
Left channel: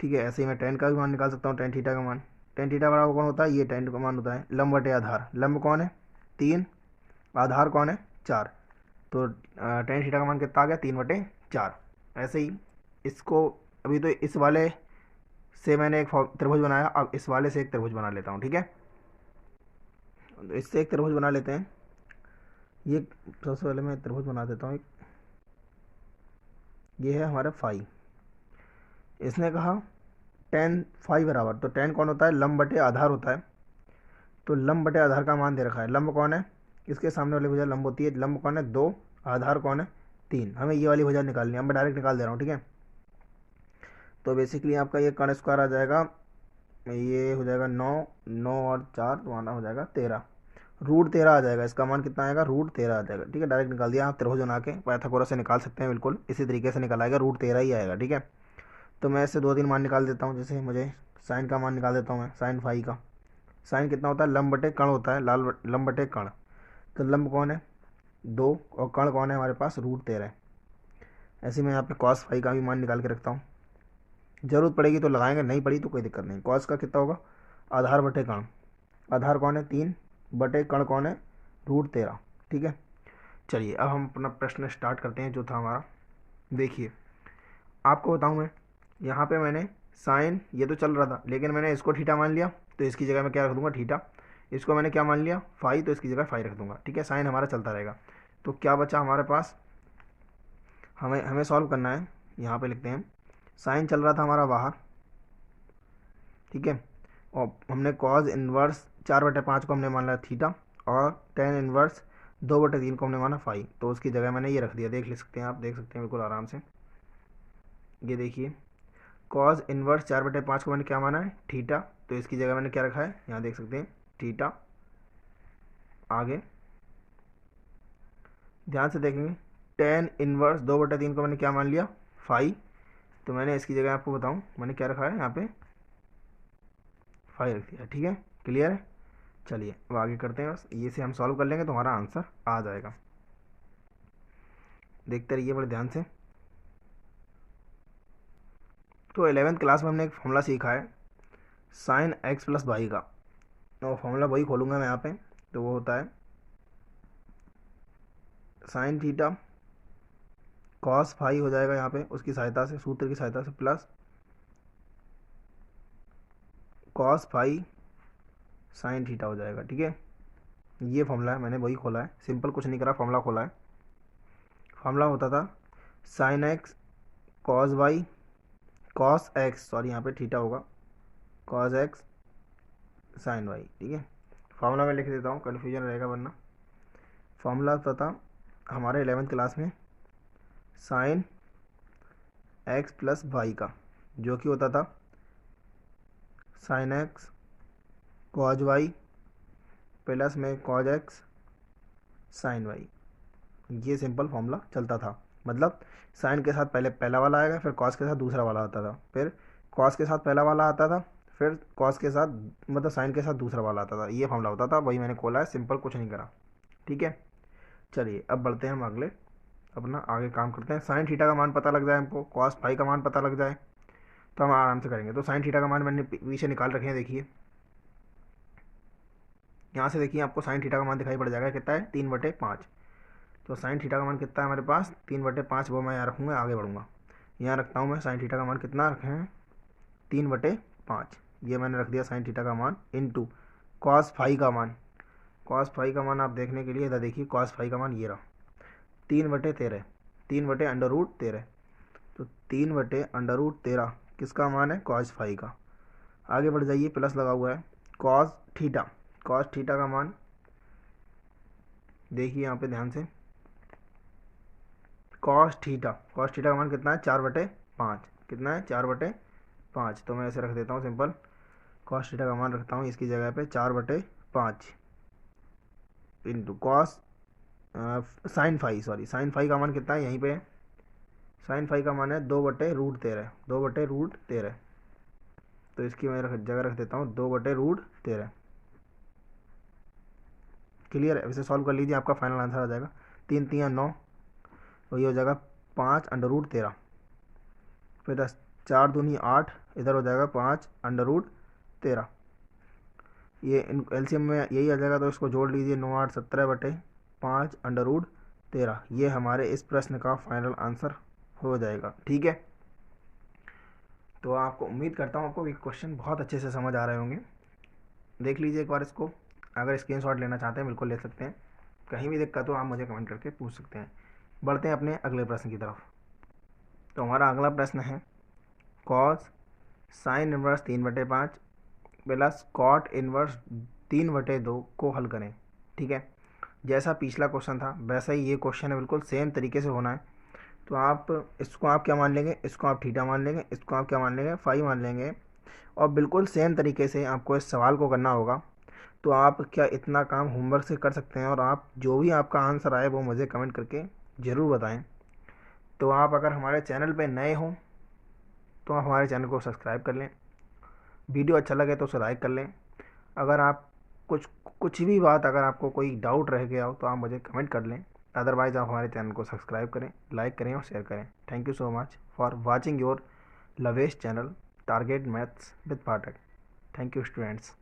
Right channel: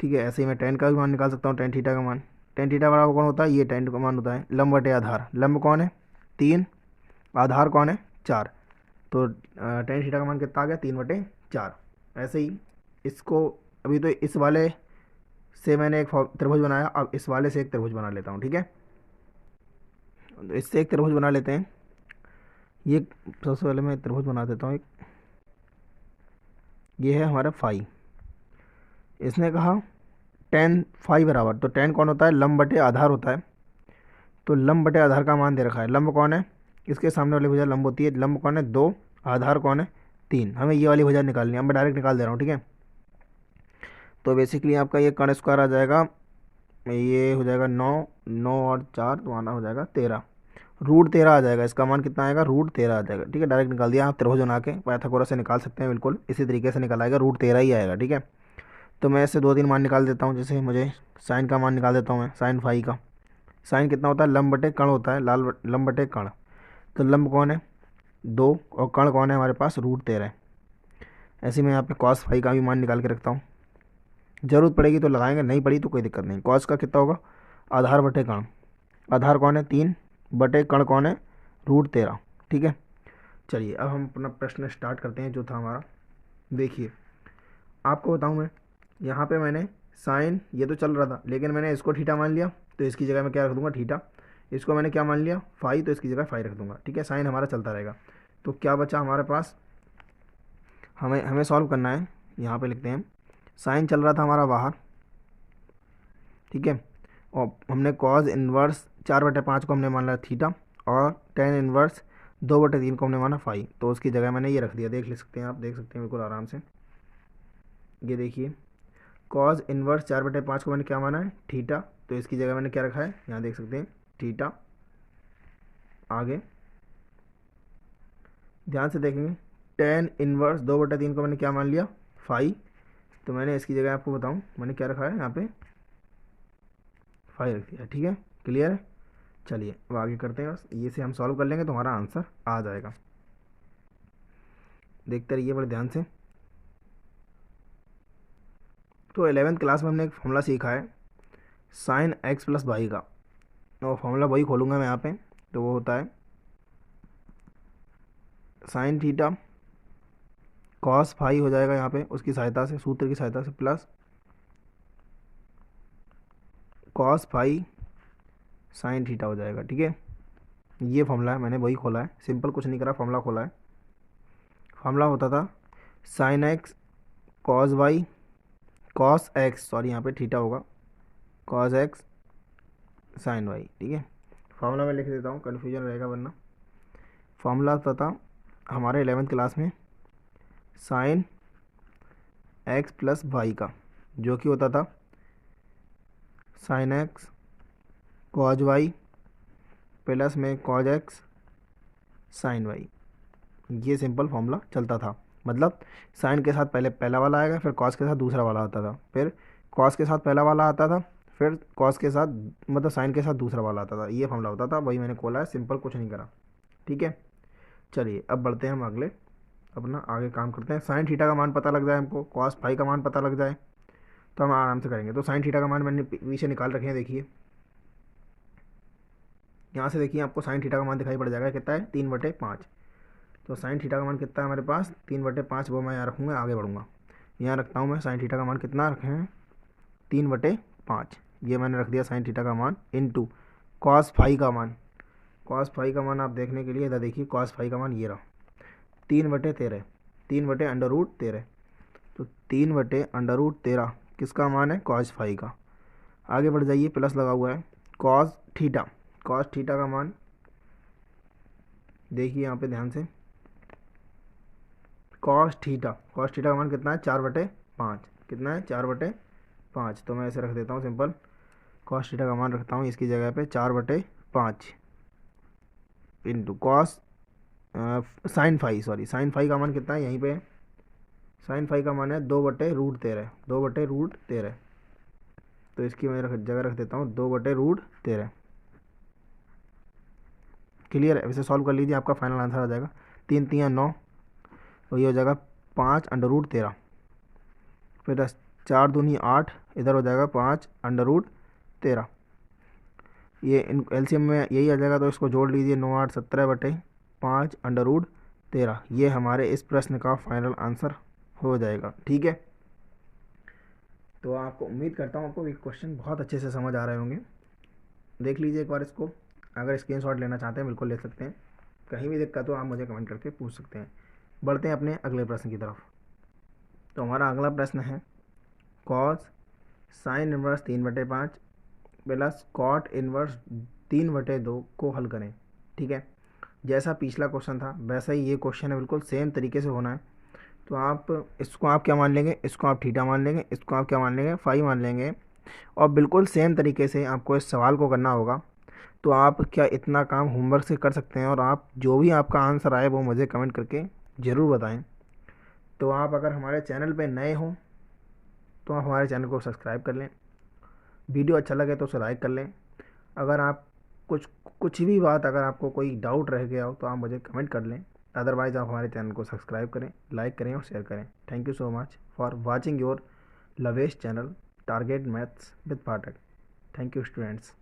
ठीक है, ऐसे ही मैं टेन का भी मान निकाल सकता हूँ, टेन थीटा का मान। टेन थीटा बराबर कौन होता है, ये टेन का मान होता है लंब बटे आधार। लंब कौन है 3, आधार कौन है 4, तो टेन थीटा का मान कितना आ गया 3/4। ऐसे ही इसको, अभी तो इस वाले से मैंने एक त्रिभुज बनाया, अब इस वाले से एक त्रिभुज बना लेता हूँ। ठीक है, तो इससे एक त्रिभुज बना लेते हैं। ये सबसे पहले मैं त्रिभुज बना देता हूँ एक। ये है हमारा फाई। इसने कहा टेन फाई बराबर, तो टेन कौन होता है, लंब बटे आधार होता है। तो लंब बटे आधार का मान दे रखा है। लंब कौन है, इसके सामने वाली भुजा लंब होती है। लंब कौन है 2, आधार कौन है 3। हमें ये वाली भुजा निकालनी है, अब मैं डायरेक्ट निकाल दे रहा हूँ। ठीक है, तो बेसिकली आपका ये कर्ण स्क्वायर आ जाएगा, ये हो जाएगा 9, 9 और 4 तो आना हो जाएगा 13, √13 आ जाएगा। इसका मान कितना आएगा, √13 आ जाएगा। ठीक है, डायरेक्ट निकाल दिया। आप त्रिभुज बना के पाइथागोरस से निकाल सकते हैं, बिल्कुल इसी तरीके से निकल आएगा, √13 ही आएगा। ठीक है, तो मैं इससे 2-3 मान निकाल देता हूँ। जैसे मुझे साइन का मान निकाल देता हूँ मैं, साइन फाई का। साइन कितना होता है, लंब बटे कण होता है, लंब बटे कण। तो लंब कौन है 2 और कण कौन है हमारे पास √13। ऐसे मैं यहाँ पे कॉस फाई का भी मान निकाल के रखता हूँ, जरूरत पड़ेगी तो लगाएंगे, नहीं पड़ी तो कोई दिक्कत नहीं। कॉस का कितना होगा, आधार बटे कण, आधार कौन है 3 बटे कण कौन है √13। ठीक है, चलिए अब हम अपना प्रश्न स्टार्ट करते हैं जो था हमारा। देखिए आपको बताऊँ मैं, यहाँ पे मैंने साइन ये तो चल रहा था, लेकिन मैंने इसको थीटा मान लिया, तो इसकी जगह मैं क्या रख दूंगा थीटा। इसको मैंने क्या मान लिया फाई, तो इसकी जगह फाई रख दूंगा। ठीक है, साइन हमारा चलता रहेगा। तो क्या बचा हमारे पास, हमें हमें सॉल्व करना है। यहाँ पे लिखते हैं साइन चल रहा था हमारा बाहर। ठीक है, और हमने कॉज इन्वर्स 4/5 को हमने मान लिया थीटा, और टेन इन्वर्स 2/3 को हमने माना फाई। तो उसकी जगह मैंने ये रख दिया, देख ले सकते हैं आप, देख सकते हैं बिल्कुल आराम से। ये देखिए कॉज इन्वर्स 4/5 को मैंने क्या माना है थीटा, तो इसकी जगह मैंने क्या रखा है, यहाँ देख सकते हैं थीटा। आगे ध्यान से देखेंगे, टेन इन्वर्स 2/3 को मैंने क्या मान लिया फाई, तो मैंने इसकी जगह आपको बताऊँ मैंने क्या रखा है यहाँ पे फाई रख दिया। ठीक है, क्लियर है। चलिए अब आगे करते हैं, बस ये से हम सॉल्व कर लेंगे तो हमारा आंसर आ जाएगा। देखते रहिए बड़े ध्यान से। तो 11th क्लास में हमने एक फॉर्मूला सीखा है साइन एक्स प्लस वाई का, और फॉर्मूला वही खोलूँगा मैं यहाँ पे। तो वो होता है साइन थीटा कॉस फाई हो जाएगा यहाँ पे, उसकी सहायता से, सूत्र की सहायता से, plus cos phi sine theta हो जाएगा। ठीक है, ये फॉर्मूला है, मैंने वही खोला है, सिंपल कुछ नहीं करा, फॉर्मूला खोला है। फॉर्मूला होता था sine x cos y, cos x sorry यहाँ पे थीटा होगा, कॉस एक्स साइन वाई। ठीक है, फॉर्मूला मैं लिख देता हूँ, कन्फ्यूजन रहेगा वरना। फॉर्मूला होता था हमारे 11th क्लास में साइन एक्स प्लस वाई का, जो कि होता था sine x cos y plus में कॉज एक्स साइन वाई। ये सिंपल फॉर्मूला चलता था, मतलब साइन के साथ पहले पहला वाला आएगा, फिर कॉस के साथ दूसरा वाला आता था, फिर कॉस के साथ पहला वाला आता था, फिर कॉस के साथ मतलब साइन के साथ दूसरा वाला आता था। ये फॉर्मूला होता था, वही मैंने खोला है, सिंपल कुछ नहीं करा। ठीक है, चलिए अब बढ़ते हैं हम अगले, अपना आगे काम करते हैं। साइन थीटा का मान पता लग जाए हमको, कॉस फाई का मान पता लग जाए, तो हम आराम से करेंगे। तो साइन थीटा का मान मैंने पीछे निकाल रखे हैं, देखिए यहाँ से देखिए आपको साइन थीटा का मान दिखाई पड़ जाएगा, कितना है 3/5। तो साइन थीटा का मान कितना है हमारे पास 3/5, वो मैं यहाँ रखूँगा, आगे बढ़ूँगा। यहाँ रखता हूँ मैं, साइन थीटा का मान कितना रखे हैं 3/5, ये मैंने रख दिया साइन थीटा का मान, इनटू कॉस फाई का मान। कॉस फाई का मान आप देखने के लिए इधर देखिए, कॉस फाई का मान ये रहा 3/13, 3/√13। तो 3/√13 किसका मान है, कॉस फाई का। आगे बढ़ जाइए, प्लस लगा हुआ है कॉस थीटा, कॉस थीटा का मान देखिए यहाँ पे ध्यान से, कॉस थीटा, कॉस थीटा का मान कितना है 4/5, कितना है 4/5। तो मैं ऐसे रख देता हूँ सिंपल, कॉस थीटा का मान रखता हूँ इसकी जगह पे 4/5 into cos sine phi, sorry sine phi का मान कितना है यहीं पे, साइन फाई का मान है 2/√13, 2/√13। तो इसकी मैं जगह रख देता हूँ 2/√13। क्लियर है? इसे सॉल्व कर लीजिए, आपका फाइनल आंसर आ जाएगा 3×3 = 9, और ये हो जाएगा 5/√13। फिर 4×2 = 8, इधर हो जाएगा 5/√13। ये एलसीएम में यही आ जाएगा, तो इसको जोड़ लीजिए, 9 8 17/5/√13। ये हमारे इस प्रश्न का फाइनल आंसर हो जाएगा। ठीक है, तो आपको उम्मीद करता हूँ आपको ये क्वेश्चन बहुत अच्छे से समझ आ रहे होंगे। देख लीजिए एक बार इसको, अगर स्क्रीनशॉट लेना चाहते हैं बिल्कुल ले सकते हैं, कहीं भी दिक्कत हो आप मुझे कमेंट करके पूछ सकते हैं। बढ़ते हैं अपने अगले प्रश्न की तरफ। तो हमारा अगला प्रश्न है cos sine inverse 3/5 plus cot inverse 3/2 को हल करें। ठीक है, जैसा पिछला क्वेश्चन था वैसा ही ये क्वेश्चन है, बिल्कुल सेम तरीके से होना है। तो आप इसको आप क्या मान लेंगे, इसको आप थीटा मान लेंगे, इसको आप क्या मान लेंगे, फाई मान लेंगे, और बिल्कुल सेम तरीके से आपको इस सवाल को करना होगा। तो आप क्या इतना काम होमवर्क से कर सकते हैं, और आप जो भी आपका आंसर आए वो मुझे कमेंट करके ज़रूर बताएं। तो आप अगर हमारे चैनल पे नए हों तो आप हमारे चैनल को सब्सक्राइब कर लें, वीडियो अच्छा लगे तो उसे लाइक कर लें। अगर आप कुछ भी बात, अगर आपको कोई डाउट रह गया हो तो आप मुझे कमेंट कर लें। अदरवाइज़ आप हमारे चैनल को सब्सक्राइब करें, लाइक करें और शेयर करें। Thank you so much for watching your लवेश channel target maths with Pathak. Thank you students.